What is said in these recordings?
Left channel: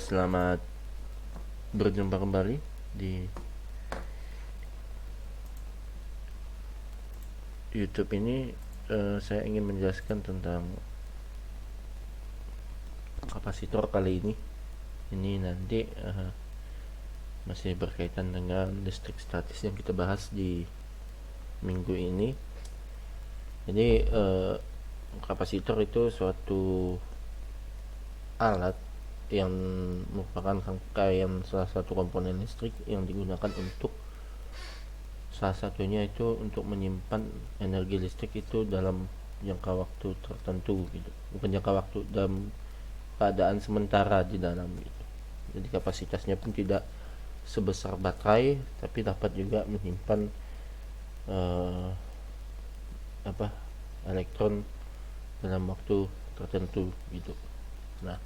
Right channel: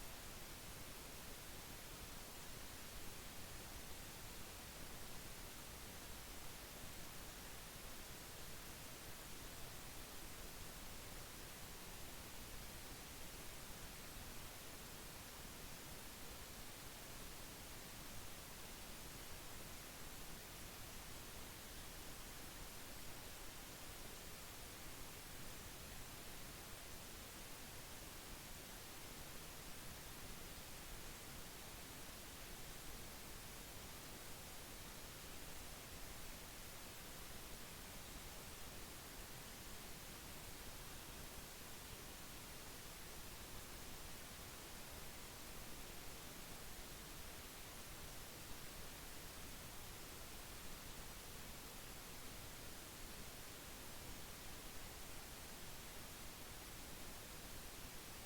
Selamat berjumpa kembali di YouTube ini. Saya ingin menjelaskan tentang kapasitor kali ini. Ini nanti masih berkaitan dengan listrik statis yang kita bahas di minggu ini. Jadi kapasitor itu suatu alat yang merupakan rangkaian salah satu komponen listrik yang digunakan untuk salah satunya itu untuk menyimpan energi listrik itu dalam jangka waktu tertentu gitu. Bukan jangka waktu, dalam keadaan sementara di dalam gitu. Jadi kapasitasnya pun tidak sebesar baterai, tapi dapat juga menyimpan eh, apa elektron dalam waktu tertentu gitu. Nah,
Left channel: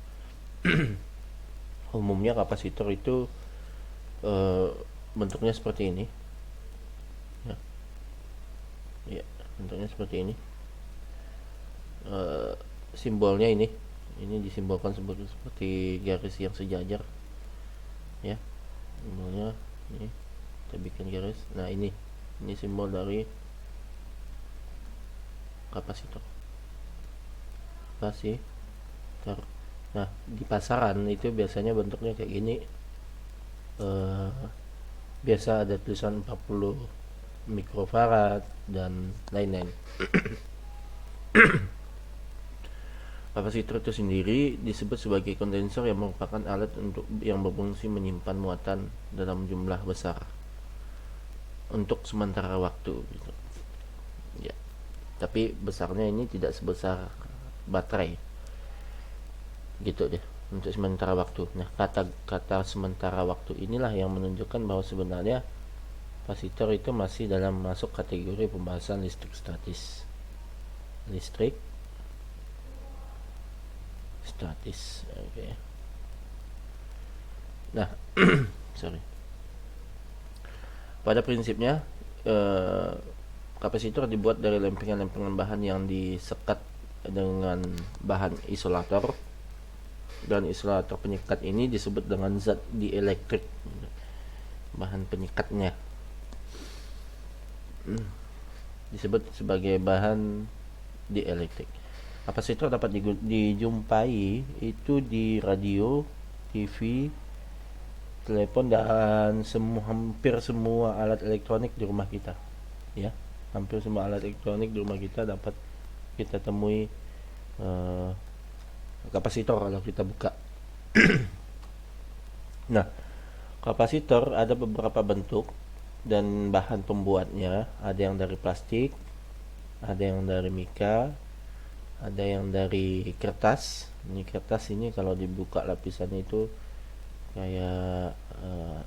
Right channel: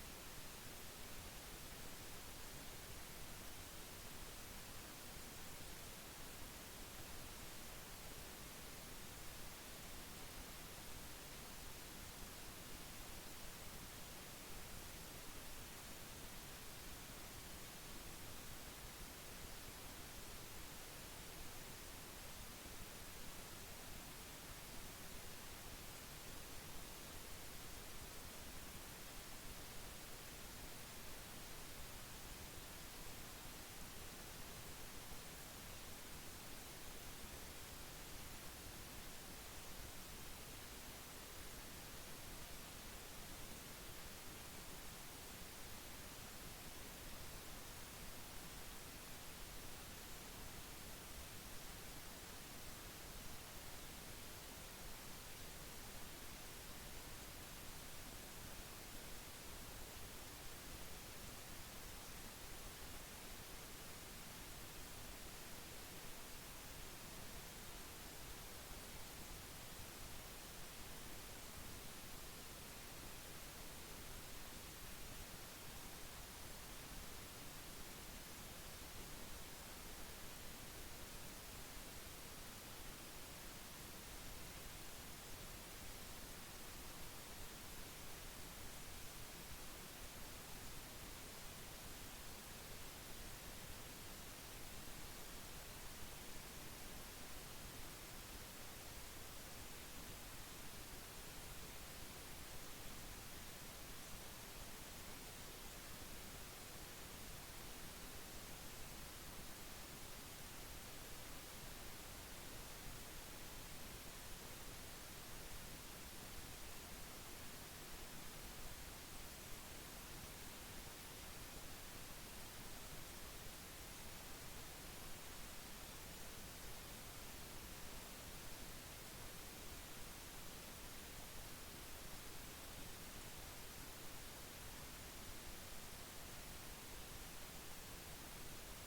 umumnya kapasitor itu eh, bentuknya seperti ini. Ya, ya, bentuknya seperti ini. Eh, Simbolnya ini disimbolkan seperti garis yang sejajar, ya. Simbolnya ini kita bikin garis. Nah, ini simbol dari kapasitor. Kasih. Nah, di pasaran itu biasanya bentuknya kayak gini. eh, Biasa ada tulisan 40 mikrofarad dan lain-lain. Kapasitor itu sendiri disebut sebagai kondensor yang merupakan alat untuk yang berfungsi menyimpan muatan dalam jumlah besar untuk sementara waktu. Ya, tapi besarnya ini tidak sebesar baterai. Gitu deh untuk sementara waktu. Nah, kata sementara waktu inilah yang menunjukkan bahwa sebenarnya kapasitor itu masih dalam masuk kategori pembahasan listrik statis. Listrik statis. Oke. Nah, sorry. Pada prinsipnya eh, kapasitor dibuat dari lempengan-lempengan bahan yang disekat dengan bahan isolator, dan isolator penyekat ini disebut dengan zat dielektrik, bahan penyekatnya disebut sebagai bahan dielektrik. Kapasitor dapat dijumpai itu di radio, TV, telepon, dan hampir semua alat elektronik di rumah kita, ya. Hampir semua alat elektronik di rumah kita dapat kita temui eh, kapasitor kalau kita buka. Nah, kapasitor ada beberapa bentuk dan bahan pembuatnya. Ada yang dari plastik, ada yang dari mika, ada yang dari kertas. Ini kertas ini kalau dibuka lapisannya itu kayak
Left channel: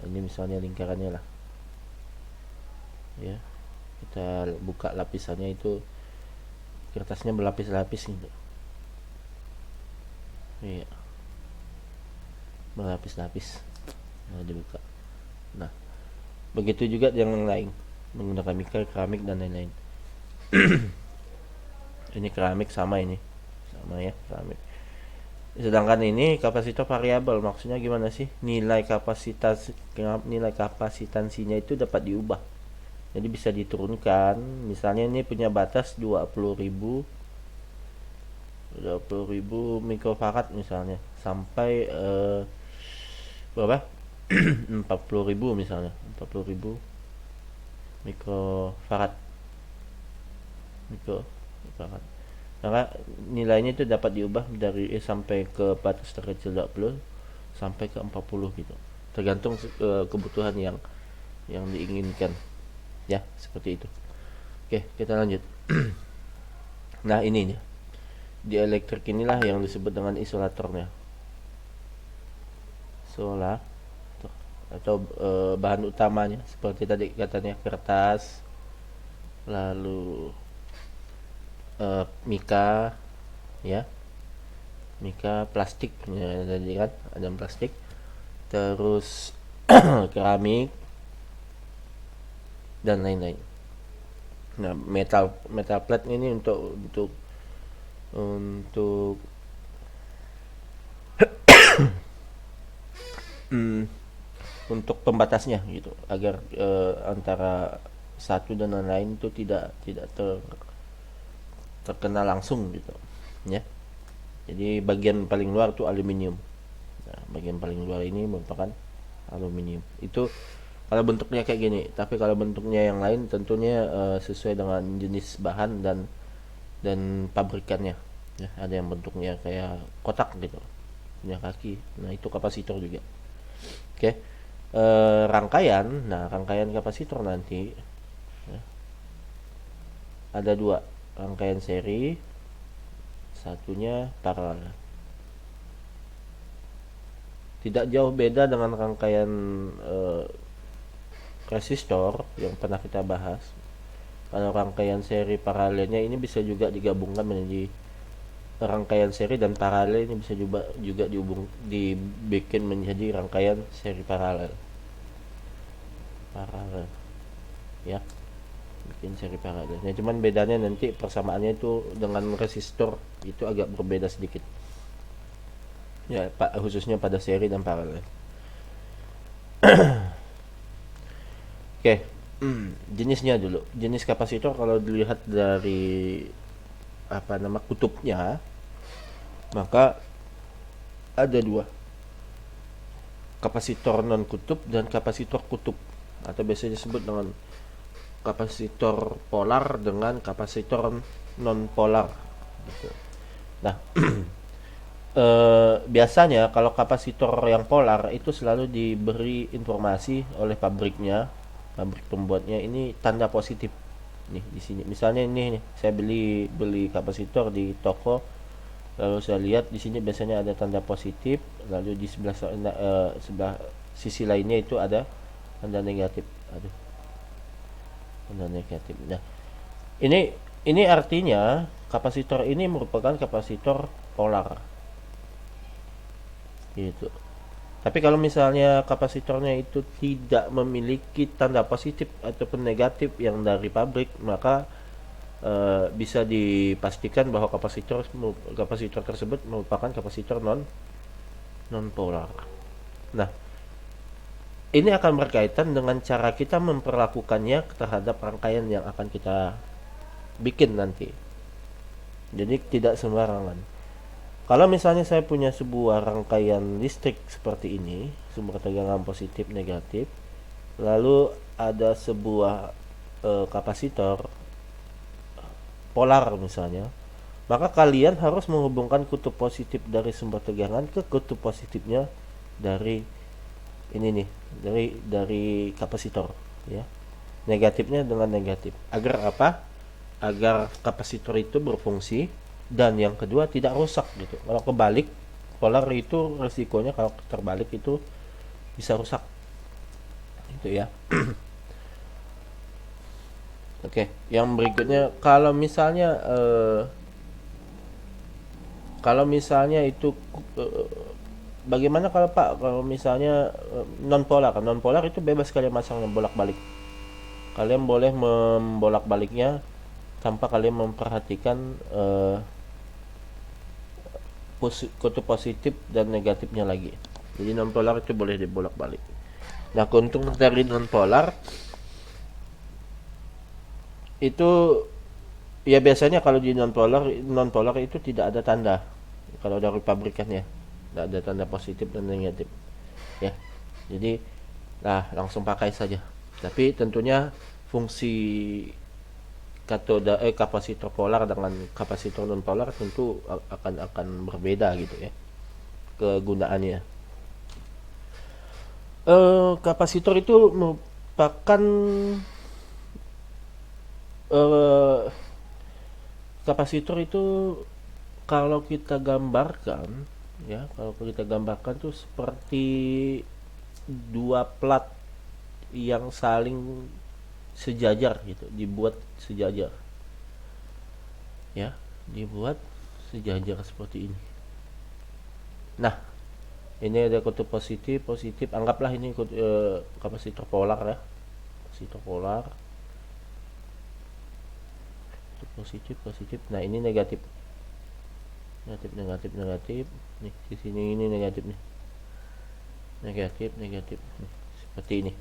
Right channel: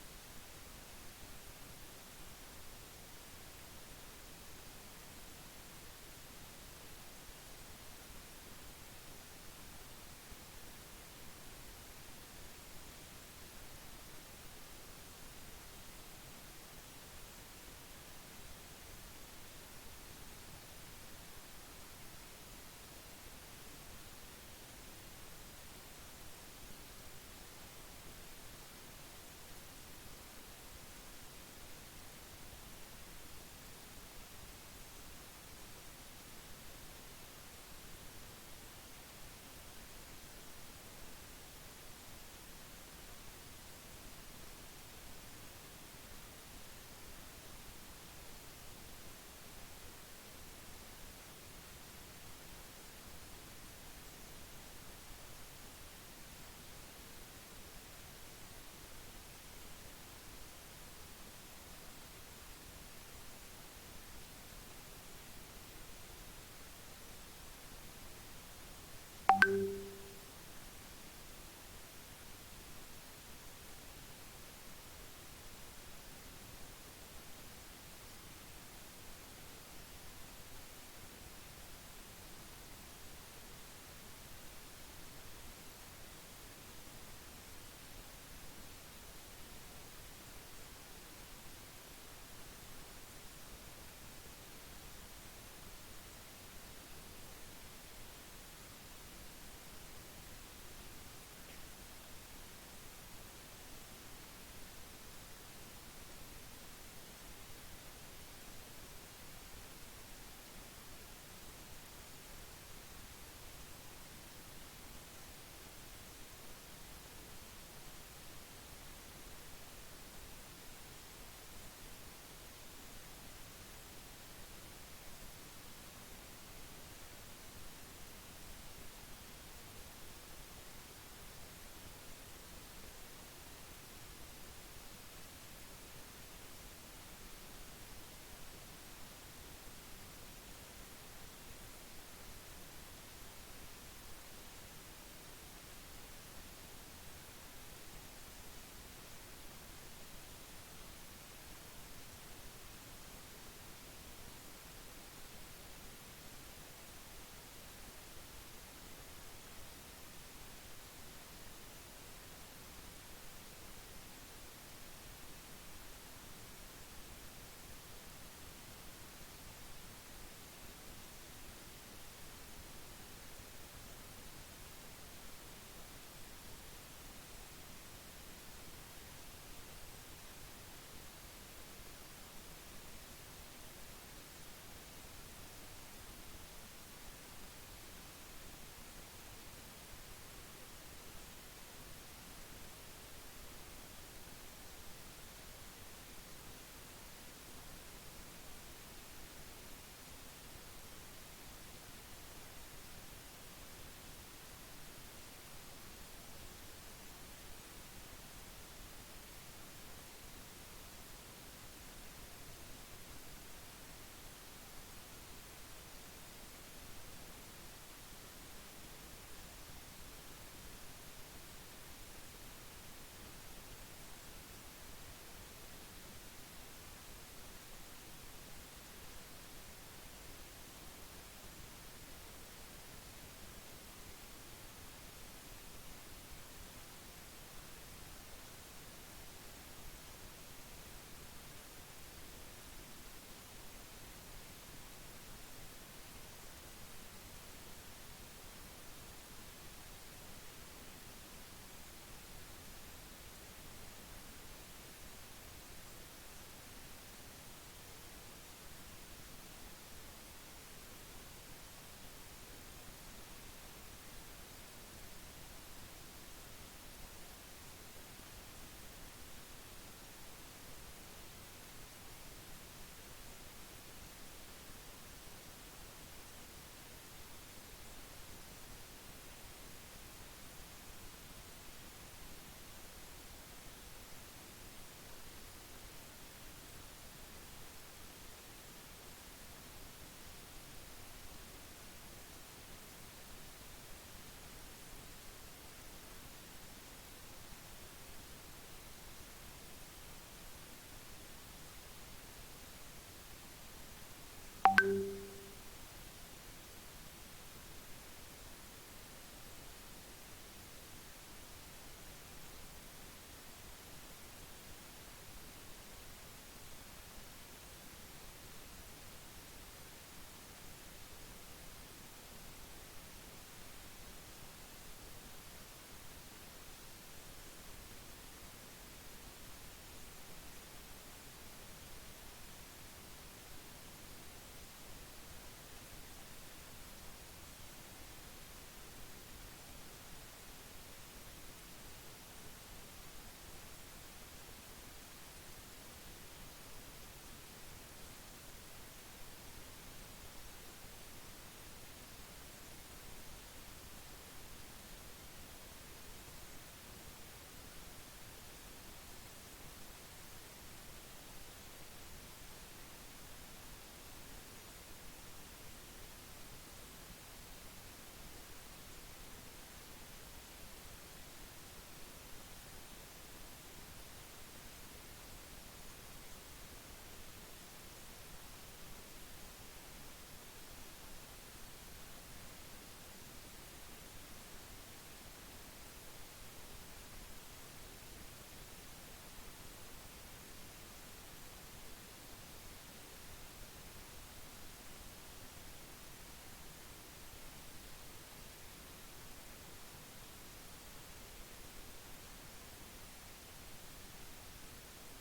ini misalnya lingkarannya lah, ya. Kita buka lapisannya itu kertasnya berlapis-lapis gitu. Iya, berlapis-lapis. Nah, dibuka. Nah, begitu juga yang lain menggunakan mika, keramik, dan lain-lain. Ini keramik sama ya, keramik. Sedangkan ini kapasitor variabel. Maksudnya gimana sih? Nilai kapasitansinya itu dapat diubah. Jadi bisa diturunkan. Misalnya ini punya batas 20.000 mikrofarad misalnya, sampai berapa? 40.000 misalnya. 40.000 mikrofarad. Mikrofarad. Karena nilainya itu dapat diubah dari sampai ke batas terkecil 20 sampai ke 40 gitu. Tergantung kebutuhan yang diinginkan. Ya, seperti itu. Oke, kita lanjut. Nah, ini nih. Di elektrik inilah yang disebut dengan isolatornya. Isola atau bahan utamanya seperti tadi katanya kertas, lalu mika, ya. Mika, plastik, ya, tadi kan ada plastik, terus keramik dan lain-lain. Nah, metal plate ini untuk untuk pembatasnya gitu, agar antara satu dan lain itu tidak terkena langsung gitu ya. Jadi bagian paling luar itu aluminium. Nah, bagian paling luar ini merupakan aluminium. Itu kalau bentuknya kayak gini. Tapi kalau bentuknya yang lain tentunya sesuai dengan jenis bahan dan pabrikannya. Ya, ada yang bentuknya kayak kotak gitu, punya kaki. Nah itu kapasitor juga. Oke. Rangkaian. Nah rangkaian kapasitor nanti ya, ada dua, rangkaian seri, satunya paralel. Tidak jauh beda dengan rangkaian resistor yang pernah kita bahas. Kalau rangkaian seri paralelnya ini bisa juga digabungkan menjadi rangkaian seri, dan paralel ini bisa juga dibikin menjadi rangkaian seri paralel. Ya, bikin seri paralel. Nah, cuman bedanya nanti persamaannya itu dengan resistor itu agak berbeda sedikit. Ya, khususnya pada seri dan paralel. Oke. Jenisnya dulu. Jenis kapasitor kalau dilihat dari kutubnya, maka ada dua, kapasitor non kutub dan kapasitor kutub, atau biasa disebut dengan kapasitor polar dengan kapasitor non polar gitu. Nah biasanya kalau kapasitor yang polar itu selalu diberi informasi oleh pabrik pembuatnya, ini tanda positif nih di sini. Misalnya ini nih, saya beli kapasitor di toko, lalu saya lihat di sini biasanya ada tanda positif, lalu di sebelah sisi lainnya itu ada tanda negatif. Tanda negatif. Nah, ini artinya kapasitor ini merupakan kapasitor polar. Gitu. Tapi kalau misalnya kapasitornya itu tidak memiliki tanda positif ataupun negatif yang dari pabrik, maka bisa dipastikan bahwa kapasitor tersebut merupakan kapasitor non polar. Nah, ini akan berkaitan dengan cara kita memperlakukannya terhadap rangkaian yang akan kita bikin nanti. Jadi tidak sembarangan. Kalau misalnya saya punya sebuah rangkaian listrik seperti ini, sumber tegangan positif negatif, lalu ada sebuah kapasitor polar misalnya, maka kalian harus menghubungkan kutub positif dari sumber tegangan ke kutub positifnya dari ini nih, dari kapasitor ya. Negatifnya dengan negatif. Agar apa? Agar kapasitor itu berfungsi, dan yang kedua tidak rusak gitu. Kalau kebalik polar itu resikonya kalau terbalik itu bisa rusak gitu ya. Oke, yang berikutnya kalau misalnya itu bagaimana kalau misalnya non polar itu bebas kalian masang bolak-balik. Kalian boleh membolak-baliknya tanpa kalian memperhatikan kutub positif dan negatifnya lagi. Jadi non polar itu boleh dibolak-balik. Nah, keuntungan dari non polar itu ya biasanya kalau di non polar itu tidak ada tanda kalau dari pabrikannya, tidak ada tanda positif dan negatif ya. Jadi langsung pakai saja. Tapi tentunya fungsi kapasitor polar dengan kapasitor non polar tentu akan berbeda gitu ya kegunaannya. Kapasitor itu merupakan kapasitor itu kalau kita gambarkan tuh seperti dua plat yang saling sejajar gitu, dibuat sejajar ya, dibuat sejajar seperti ini. Nah, ini ada kutub positif, anggaplah ini kapasitor polar ya, kapasitor polar, positif. Nah, ini negatif. Nih, di sini ini negatifnya. negatif, negatif. Seperti ini.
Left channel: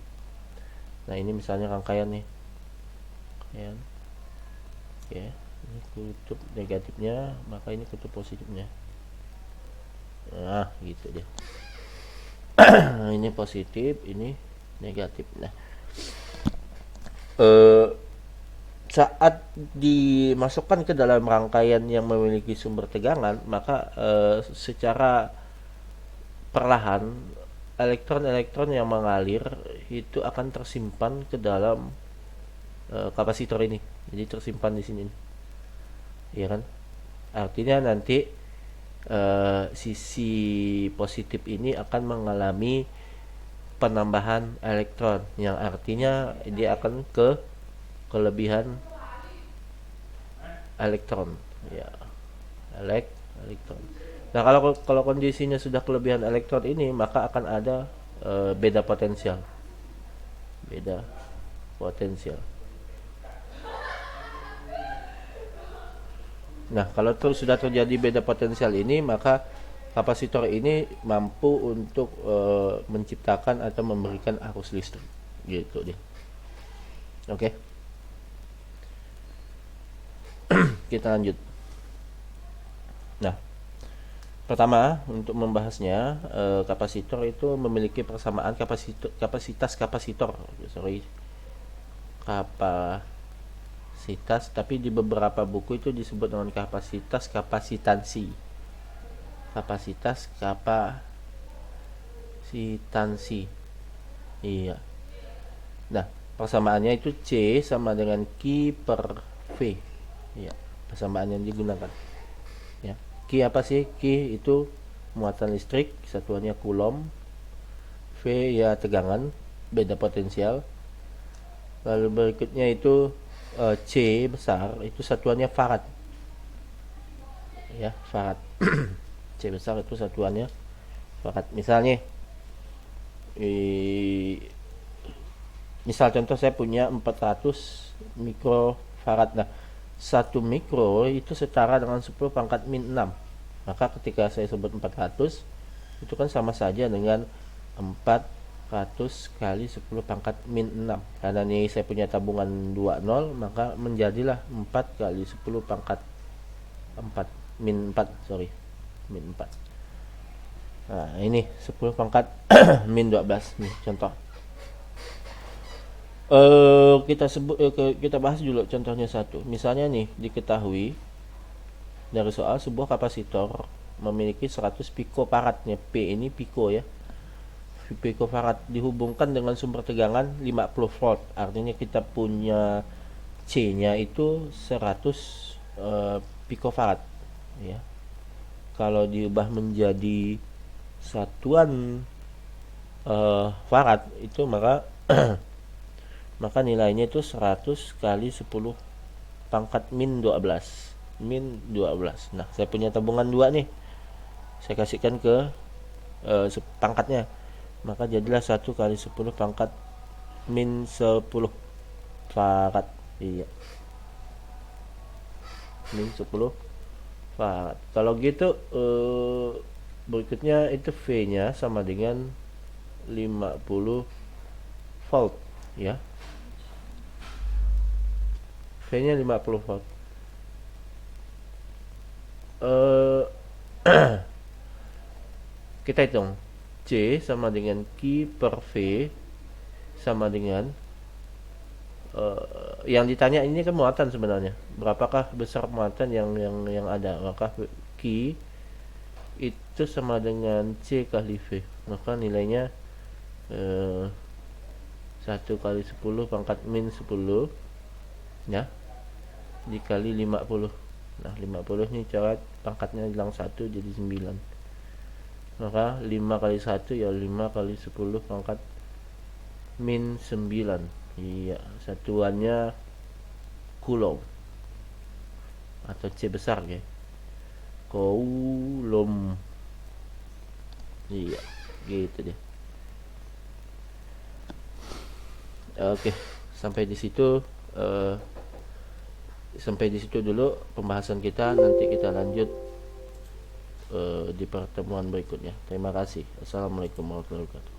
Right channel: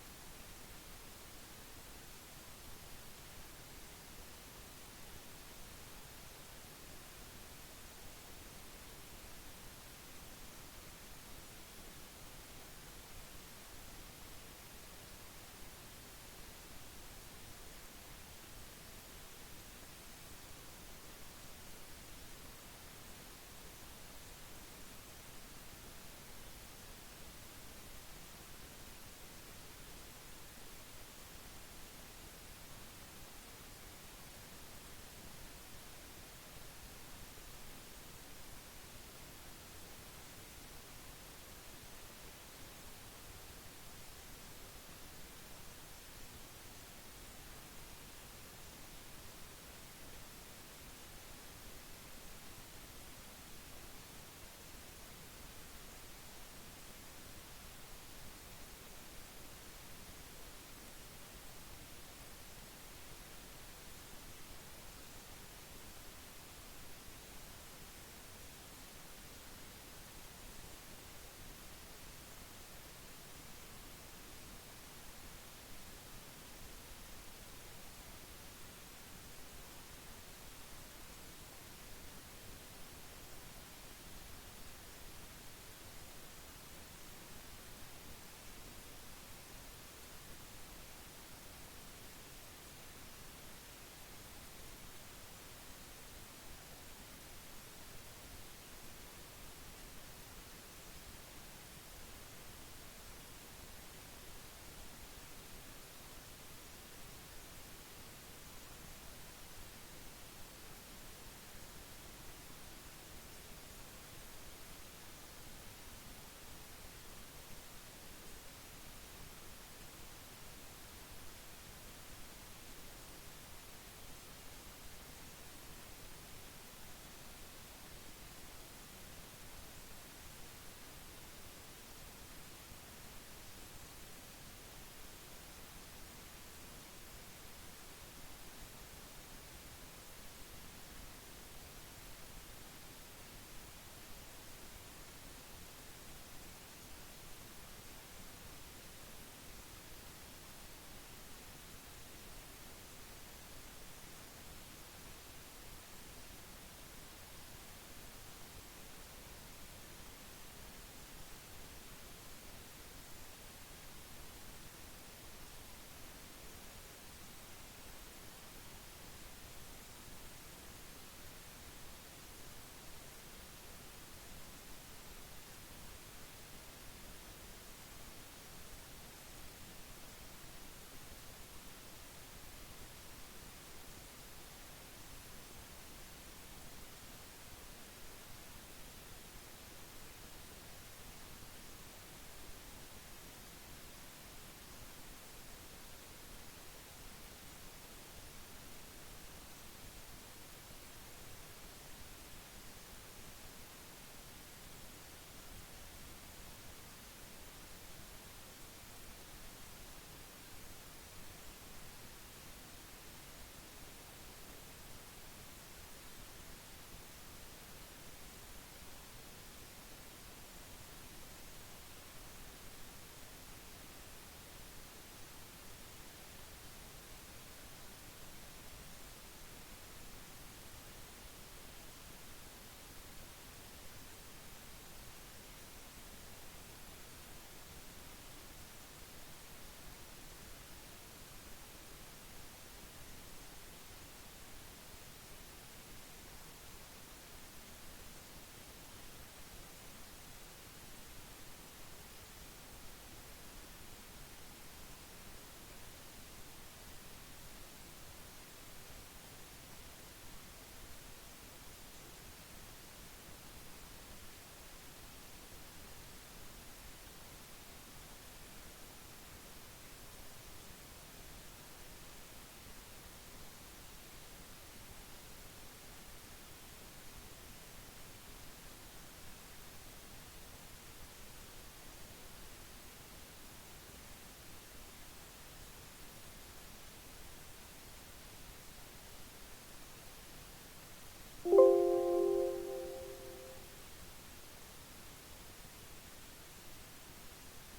Nah, ini misalnya rangkaian nih. Rangkaian. Oke. Ini kutub negatifnya, maka ini kutub positifnya. Nah, gitu deh. Ini positif, ini negatif. Nah, saat dimasukkan ke dalam rangkaian yang memiliki sumber tegangan, maka secara perlahan elektron-elektron yang mengalir itu akan tersimpan ke dalam kapasitor ini. Jadi tersimpan di sini, ya kan? Artinya nanti sisi positif ini akan mengalami penambahan elektron, yang artinya dia akan ke kelebihan elektron, ya, elektron. Nah, kalau kondisinya sudah kelebihan elektron ini, maka akan ada beda potensial, beda potensial. Nah, kalau sudah terjadi beda potensial ini, maka kapasitor ini mampu untuk menciptakan atau memberikan arus listrik, gitu deh. Oke. Kita lanjut. Nah, pertama untuk membahasnya, kapasitor itu memiliki persamaan kapasitas kapasitor, kapasitas, tapi di beberapa buku itu disebut dengan kapasitas kapasitansi. Kapasitas kapasitansi. Iya. Nah, persamaannya itu C sama dengan Q per V. Ya, persamaan yang digunakan. Ya. Q apa sih? Q itu muatan listrik, satuannya Coulomb. V ya tegangan, beda potensial. Lalu berikutnya itu C besar, itu satuannya farad. Ya, farad. C besar itu satuannya farad. Misalnya misal contoh saya punya 400 mikrofarad. Nah, 1 mikro itu setara dengan 10 pangkat min 6. Maka ketika saya sebut 400, itu kan sama saja dengan 400 kali 10 pangkat min 6. Karena ini saya punya tabungan 20, maka menjadilah 4 kali 10 pangkat 4 min 4, sorry, min 4. Nah, ini 10 pangkat min 12 nih contoh. Kita bahas dulu contohnya satu. Misalnya nih, diketahui dari soal sebuah kapasitor memiliki 100 picofaradnya. P ini pico ya. Picofarad dihubungkan dengan sumber tegangan 50 volt. Artinya kita punya C-nya itu 100 picofarad ya. Kalau diubah menjadi satuan farad itu maka maka nilainya itu 100 kali 10 pangkat min 12. Min 12. Nah, saya punya tabungan 2 nih. Saya kasihkan ke pangkatnya. Maka jadilah 1 kali 10 pangkat min 10 farad. Iya. Min 10 farad. Kalau gitu berikutnya itu V-nya sama dengan 50 volt ya. V-nya 50 volt. Kita hitung C sama dengan Q per V sama dengan yang ditanya ini kan muatan sebenarnya. Berapakah besar muatan yang ada? Maka Q itu sama dengan C kali V. Maka nilainya 1 kali 10 pangkat min 10 ya, dikali 50. Nah, 50 ini coret, pangkatnya hilang 1 jadi 9. Maka 5 kali 1 ya 5 kali 10 pangkat min 9. Iya, satuannya Coulomb atau C besar ya. Coulomb. Iya, gitu deh. Oke, sampai di situ dulu pembahasan kita. Nanti kita lanjut di pertemuan berikutnya. Terima kasih. Assalamualaikum warahmatullahi wabarakatuh.